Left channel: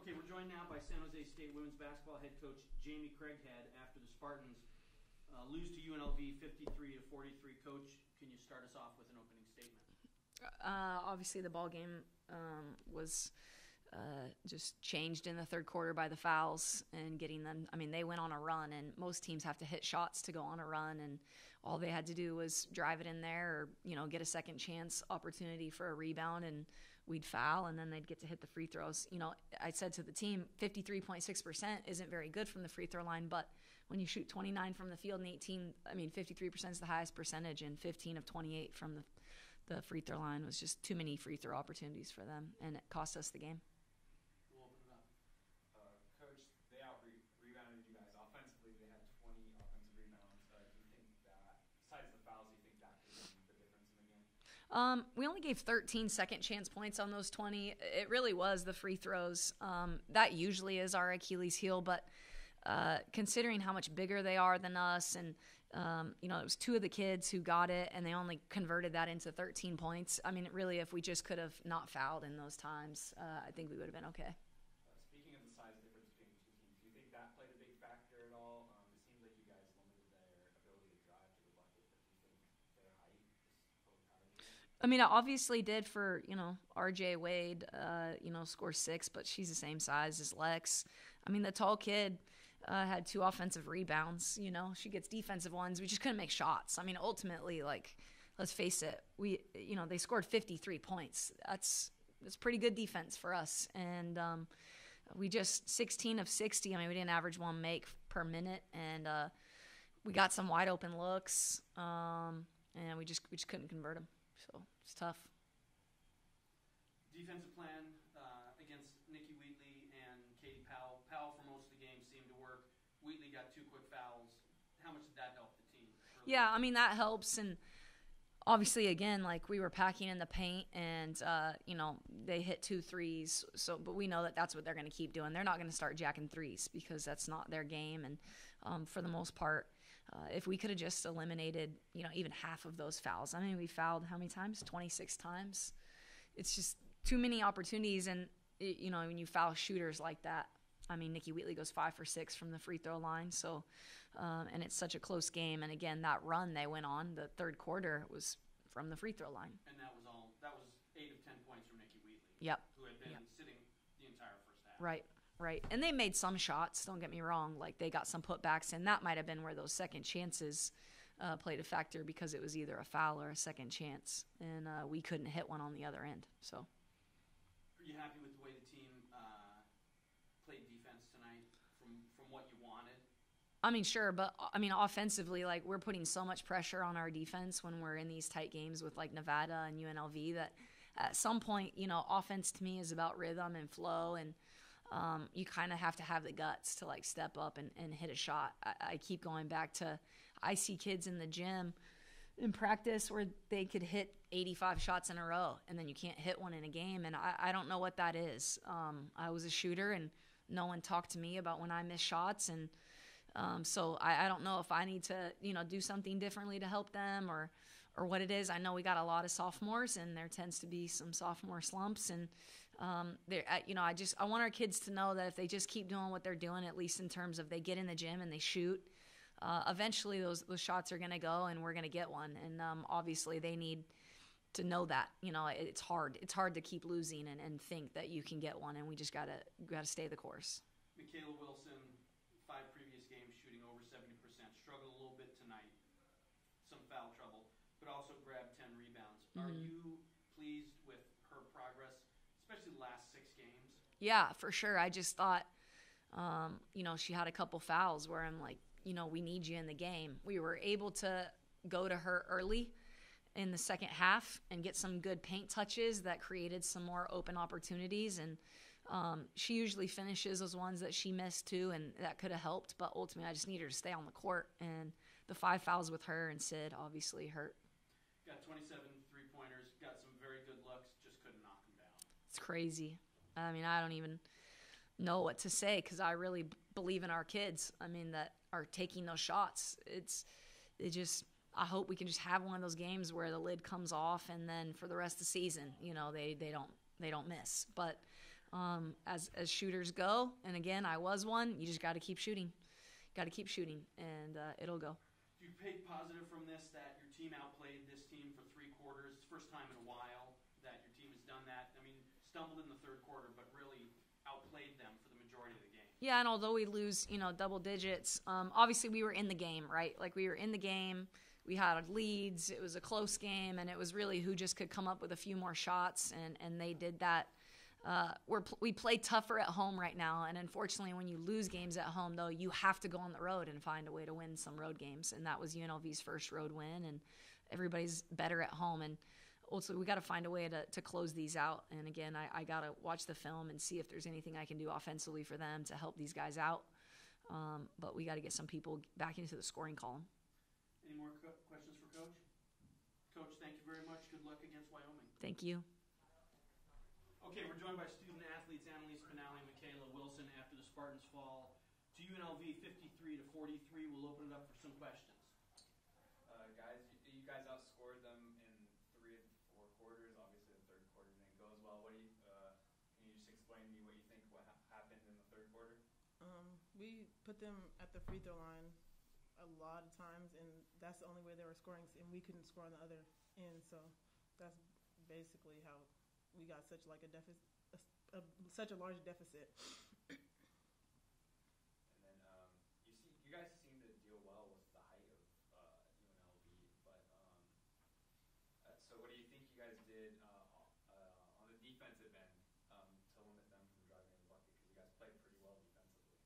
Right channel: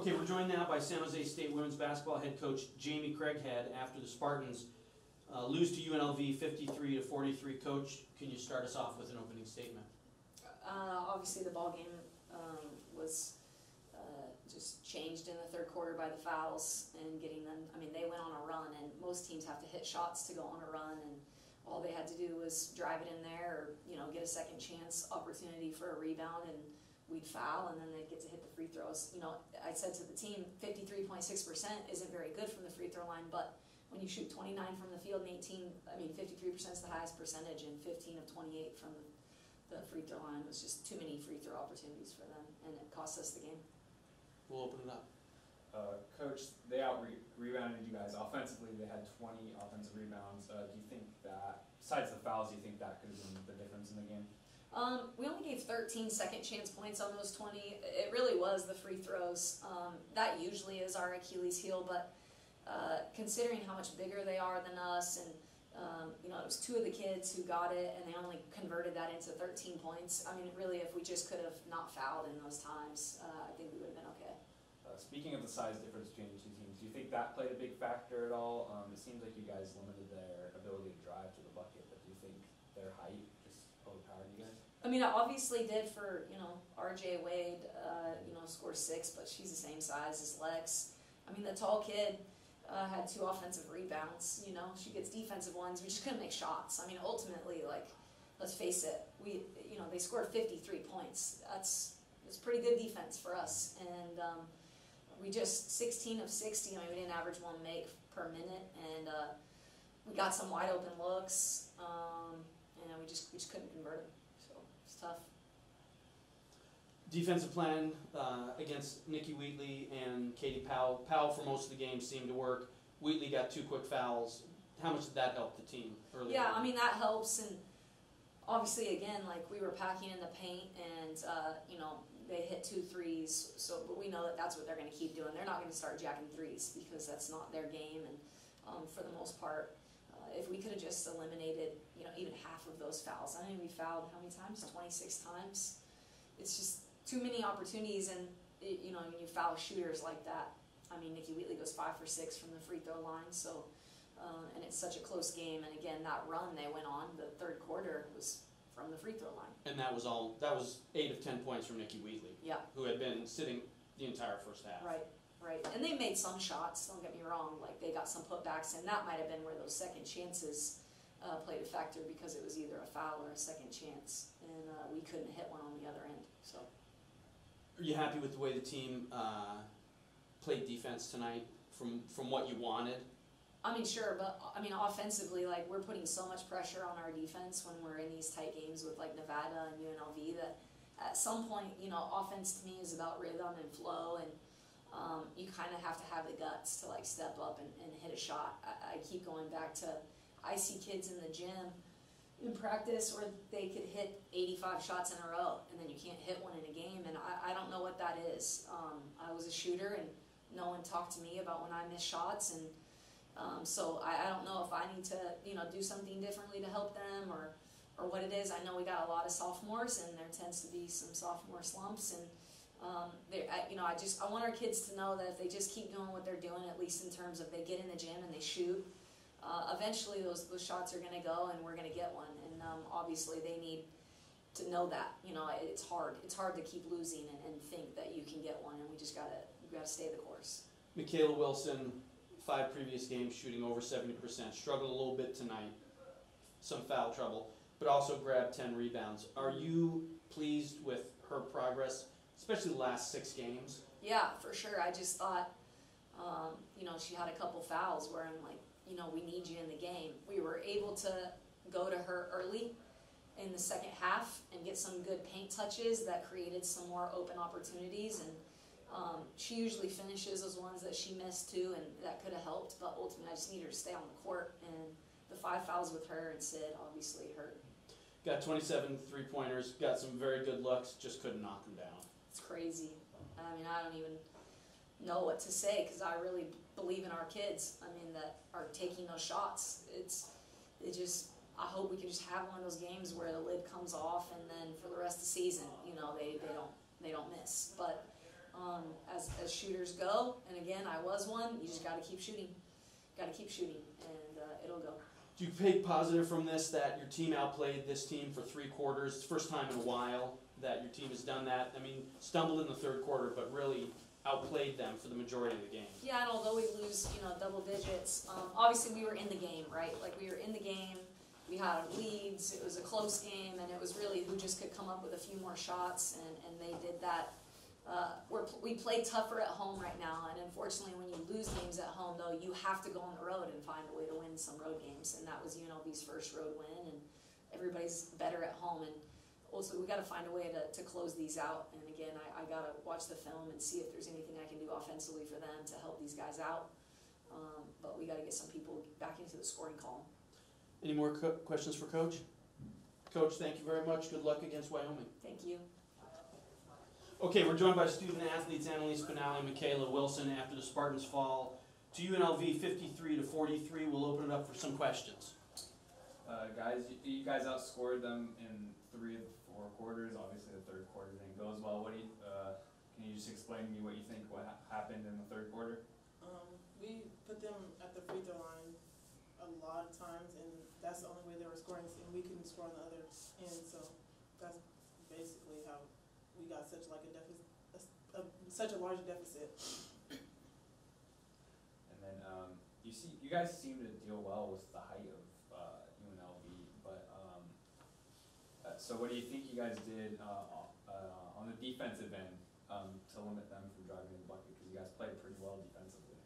Okay, we're joined now by San Jose State women's basketball head coach Jamie Craighead after the Spartans lose to UNLV 53-43. Coach, can you start us off with an opening statement? Obviously, the ball game was just changed in the third quarter by the fouls and getting them. I mean, they went on a run, and most teams have to hit shots to go on a run, and all they had to do was drive it in there, or get a second chance opportunity for a rebound, and we'd foul, and then they'd get to hit the free throws. I said to the team, 53.6% isn't very good from the free throw line, but when you shoot 29 from the field and 53% is the highest percentage, and 15 of 28 from the free throw line was just too many free throw opportunities for them, and it cost us the game. We'll open it up. Coach, they out-rebounded you guys offensively. They had 20 offensive rebounds. Do you think that, besides the fouls, do you think that could have been the difference in the game? We only gave 13 second chance points on those 20. It really was the free throws. That usually is our Achilles heel, but considering how much bigger they are than us, and it was two of the kids who got it, and they only converted that into 13 points. I mean, really, if we just could have not fouled in those times, I think we would have been okay. Speaking of the size difference between the two teams, do you think that played a big factor at all? It seems like you guys limited their ability to drive to the bucket, but do you think their height just overpowered you guys? I mean, it obviously did for, RJ Wade, score 6, but she's the same size as Lex. I mean, the tall kid had 2 offensive rebounds. She gets defensive ones. We just couldn't make shots. I mean, ultimately, let's face it, they scored 53 points. That's pretty good defense for us. And we just 16 of 60. I mean, we didn't average 1 make per minute, and we got some wide open looks, and we just couldn't convert them. So it's tough. Defensive plan against Nikki Wheatley and Katie Powell. Powell for most of the game seemed to work. Wheatley got 2 quick fouls. How much did that help the team early on? I mean, that helps, and obviously, again, we were packing in the paint, and they hit 2 threes. But we know that that's what they're going to keep doing. They're not going to start jacking threes because that's not their game. And for the most part, if we could have just eliminated, even half of those fouls. I mean, we fouled how many times? 26 times. It's just too many opportunities, and when you foul shooters like that. I mean, Nikki Wheatley goes 5 for 6 from the free throw line. So. And it's such a close game, and again, that run they went on the third quarter was from the free throw line. And that was 8 of 10 points from Nikki Wheatley. Yeah. Who had been sitting the entire first half. Right. And they made some shots, don't get me wrong, they got some putbacks, and that might have been where those second chances played a factor, because it was either a foul or a second chance, and we couldn't hit one on the other end. So are you happy with the way the team played defense tonight from what you wanted? I mean, sure, but offensively, we're putting so much pressure on our defense when we're in these tight games with Nevada and UNLV that at some point, offense to me is about rhythm and flow, and you kind of have to have the guts to step up and hit a shot. I keep going back to, I see kids in the gym in practice where they could hit 85 shots in a row, and then you can't hit one in a game, and I don't know what that is. I was a shooter, and no one talked to me about when I miss shots, and so I don't know if I need to, do something differently to help them or what it is. I know we got a lot of sophomores, and there tends to be some sophomore slumps, and I want our kids to know that if they just keep doing what they're doing, at least in terms of they get in the gym and they shoot, eventually those shots are going to go, and we're going to get one. And obviously they need to know that it's hard to keep losing and think that you can get one, and we just gotta stay the course. Michaela Wilson, 5 previous games shooting over 70%, struggled a little bit tonight, some foul trouble, but also grabbed 10 rebounds. Are you pleased with her progress, especially the last 6 games? Yeah, for sure. I just thought, she had a couple fouls where I'm like, we need you in the game. We were able to go to her early in the second half and get some good paint touches that created some more open opportunities, and she usually finishes those ones that she missed too, and that could have helped, but ultimately I just need her to stay on the court, and the 5 fouls with her and Sid obviously hurt. Got 27 three-pointers, got some very good looks, just couldn't knock them down. It's crazy. I mean, I don't even know what to say, because I really believe in our kids, that are taking those shots. I hope we can just have one of those games where the lid comes off, and then for the rest of the season, they don't miss. But as shooters go. And again, I was one. You just got to keep shooting. Got to keep shooting, and it'll go. Do you take positive from this that your team outplayed this team for 3 quarters? It's the first time in a while that your team has done that. I mean, stumbled in the third quarter, but really outplayed them for the majority of the game. Yeah, and although we lose, double digits, obviously we were in the game, right? Like, we were in the game. We had leads. It was a close game, and it was really who just could come up with a few more shots, and they did that. We play tougher at home right now, and unfortunately when you lose games at home, though, you have to go on the road and find a way to win some road games, and that was UNLV's first road win, and everybody's better at home, and also we got to find a way to close these out. And again, I got to watch the film and see if there's anything I can do offensively for them to help these guys out, but we got to get some people back into the scoring column. Any more questions for Coach? Coach, thank you very much. Good luck against Wyoming. Thank you. Okay, we're joined by student athletes Annalise Pinali and Michaela Wilson. After the Spartans fall to UNLV 53-43, we'll open it up for some questions. Guys, you guys outscored them in 3 of the 4 quarters. Obviously, the third quarter didn't go as well. Can you just explain to me what you think happened in the third quarter? We put them at the free throw line a lot of times, and that's the only way they were scoring, and we couldn't score on the other end. So that's basically how we got such like a deficit, such a large deficit. And then you guys seem to deal well with the height of UNLV, but so what do you think you guys did on the defensive end to limit them from driving in the bucket? Because you guys played pretty well defensively.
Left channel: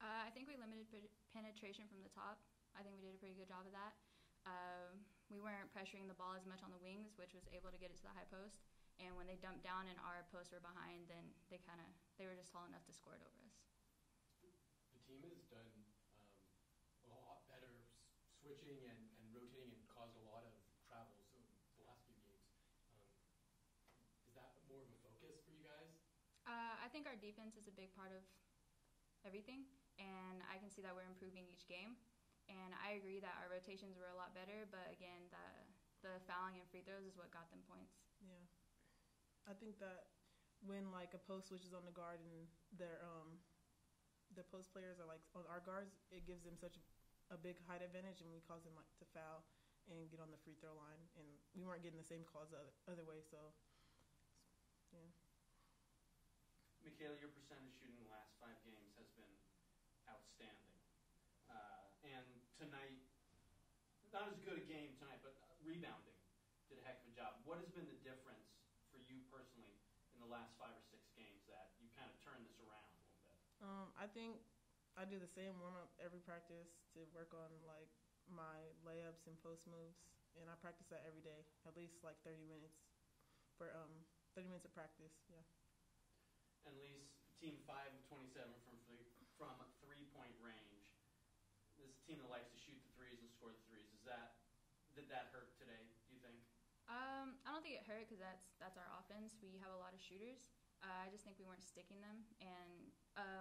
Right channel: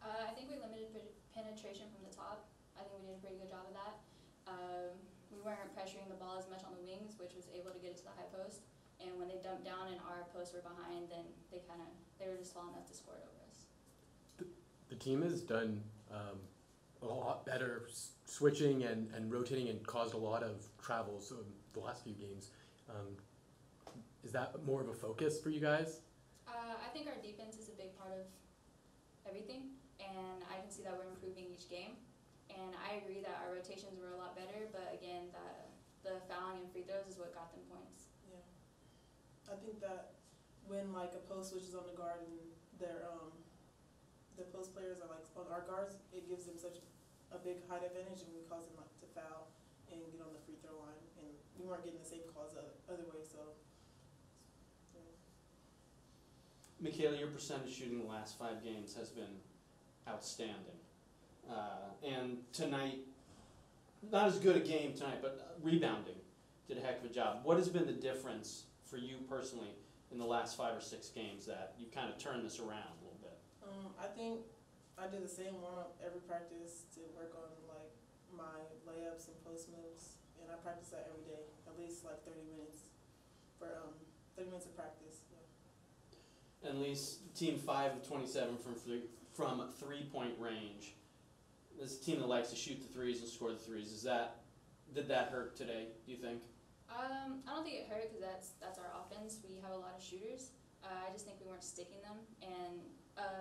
I think we limited penetration from the top. I think we did a pretty good job of that. We weren't pressuring the ball as much on the wings, which was able to get it to the high post. And when they dumped down and our posts were behind, then they were just tall enough to score it over us. The team has done a lot better switching and rotating and caused a lot of travels the last few games. Is that more of a focus for you guys? I think our defense is a big part of everything, and I can see that we're improving each game. And I agree that our rotations were a lot better, but again, the fouling and free throws is what got them points. Yeah, I think that when like a post switches on the guard and their the post players are like on our guards, it gives them such a big height advantage, and we cause them like to foul and get on the free throw line, and we weren't getting the same calls the other way. So, yeah. Michaela, your percentage shooting the last 5 games has been outstanding. And tonight, not as good a game tonight, but rebounding did a heck of a job. What has been the difference for you personally in the last 5 or 6 games that you kind of turned this around a little bit? I think I did the same warm-up every practice to work on like my layups and post moves, and I practice that every day, at least like 30 minutes for 30 minutes of practice. Yeah. At least team 5 of 27 from 3-point range. This is a team that likes to shoot the threes and score the threes. Did that hurt today, do you think? I don't think it hurt because that's our offense. We have a lot of shooters. I just think we weren't sticking them, and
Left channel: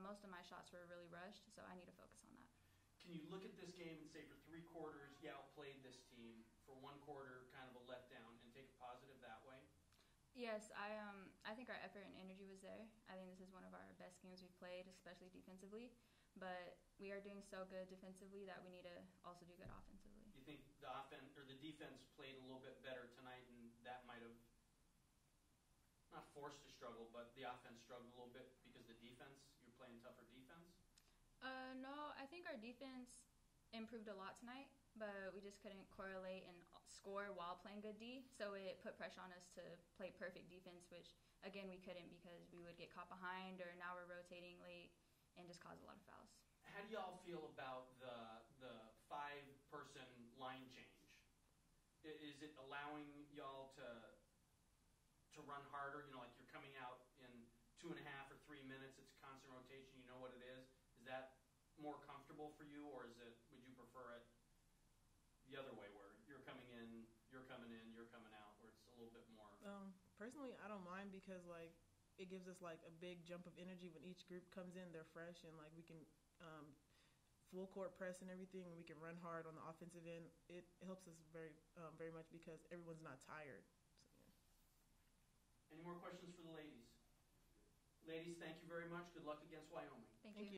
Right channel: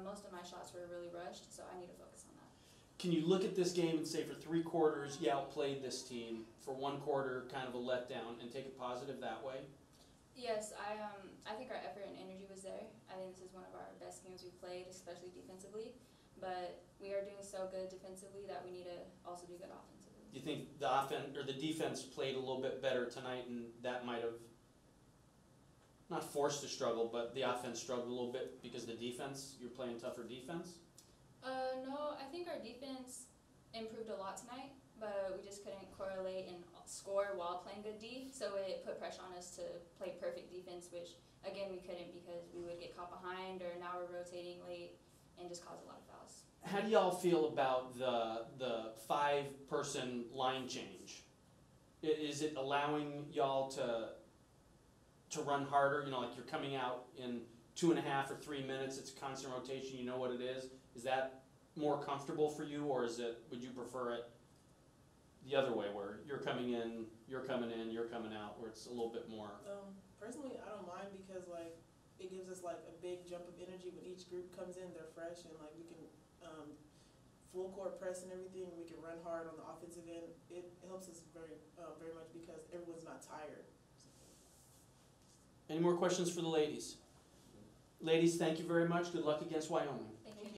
most of my shots were really rushed, so I need to focus on that. Can you look at this game and say for 3 quarters you outplayed this team, for 1 quarter kind of a letdown, and take it positive that way? Yes, I think our effort and energy was there. I think this is one of our best games we've played, especially defensively. But we are doing so good defensively that we need to also do good offensively. Do you think the offense or the defense played a little bit better tonight, and that might have not forced the struggle, but the offense struggled a little bit because the defense, you're playing tougher defense? No, I think our defense improved a lot tonight, but we just couldn't correlate and score while playing good D, so it put pressure on us to play perfect defense, which again we couldn't because we would get caught behind, or now we're rotating late and just cause a lot of fouls. How do y'all feel about the 5-person line change? Is it allowing y'all to run harder? You know, like you're coming out in 2.5 or 3 minutes, it's constant rotation, you know what it is. Is that more comfortable for you, or would you prefer it the other way, where you're coming in, you're coming in, you're coming out, where it's a little bit more? Personally, I don't mind because like it gives us like a big jump of energy when each group comes in. They're fresh, and like we can full court press and everything, and we can run hard on the offensive end. It helps us very much because everyone's not tired. Any more questions for the ladies? Ladies, thank you very much. Good luck against Wyoming.